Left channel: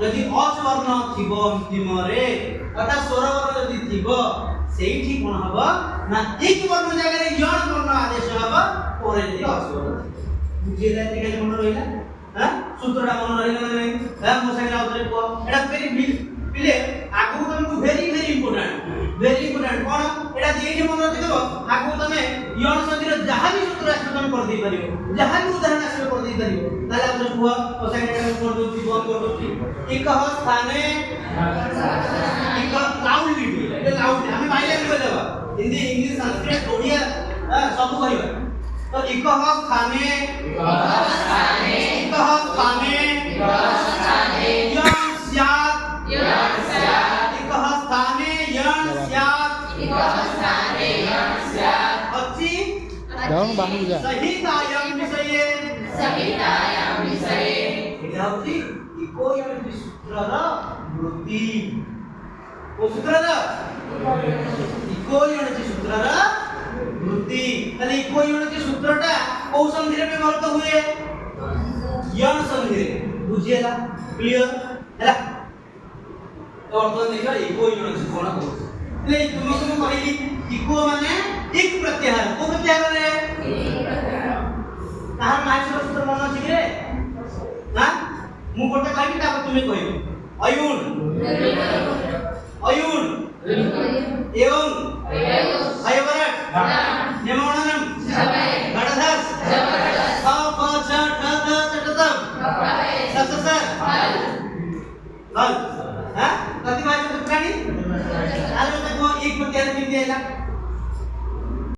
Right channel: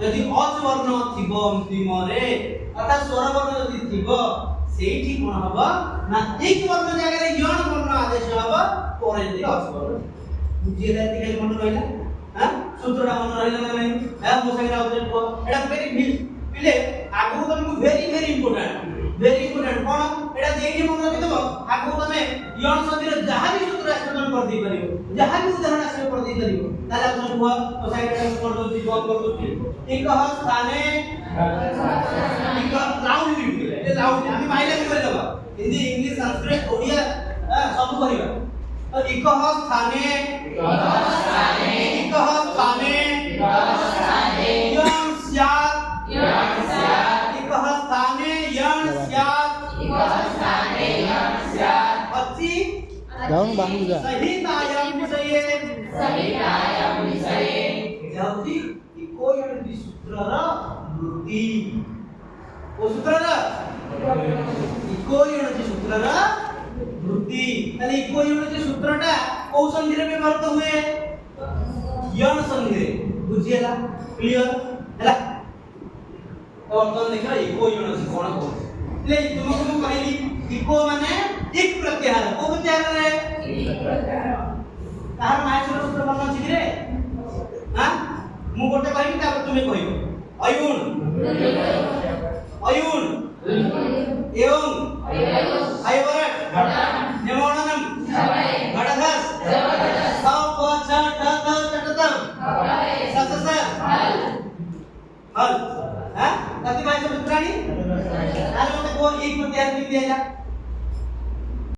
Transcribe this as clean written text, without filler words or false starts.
यदि अच वर्ण थिबो अंतिम रे अर्थात स्वर वर्ण यदि थिबो सेठी कोन हबो ना एक वर्ण जगह रे यण वर्ण आदेश हबो परे यदि अच वर्ण बुझिले के मन रहिला हां सूत्रटा मन रहिला ना नहीं हां मो संगे आउतरे को एटा वेरी पिले आगु तुमको वेरी इम्पोर्टेंट कोन एटा देखे मन रखिदबो आगु तमे यण संधिर जहां भी सूत्र आश्रम कर दे परियो जहां भी उदाहरण आश्रम कर दे परियो ताला तुम को तो संगे कर दोची बंद कर दोची एक स्थाने एक लाउडली ए लाउडली हम बाइले बोल देबा हिंदी इंग्लिश संस्कृत ओडिया सब कहबा तो एक स्थाने यण स्यात् अच्छी डाउन बाहु जा सहितायाम विषये এটা হচ্ছে ইকো ইউনিটি সূত্রর বৃত্তি ও সূত্রর ইকো ইউনিটি সূত্রর বৃত্তি তাহলে ইকো ইউনিটি সূত্রটা কোন সন্ধিরে ব্যবহৃত हुए यण সন্ধিরে বুঝিয়েলা ক্লিয়ার ହେଲା তো বর্তমান দেখো ইকো ইউনিটি কোন কোন એટલે तुमको मैं कहली इको माने एक प्रत्याहार को प्रत्याहार रे एक प्रत्याहार तार माइसर सूत्र मन अछि रे हां मु गोटे कहबी तापर तुमे कहियो अयुन एवं अयवरट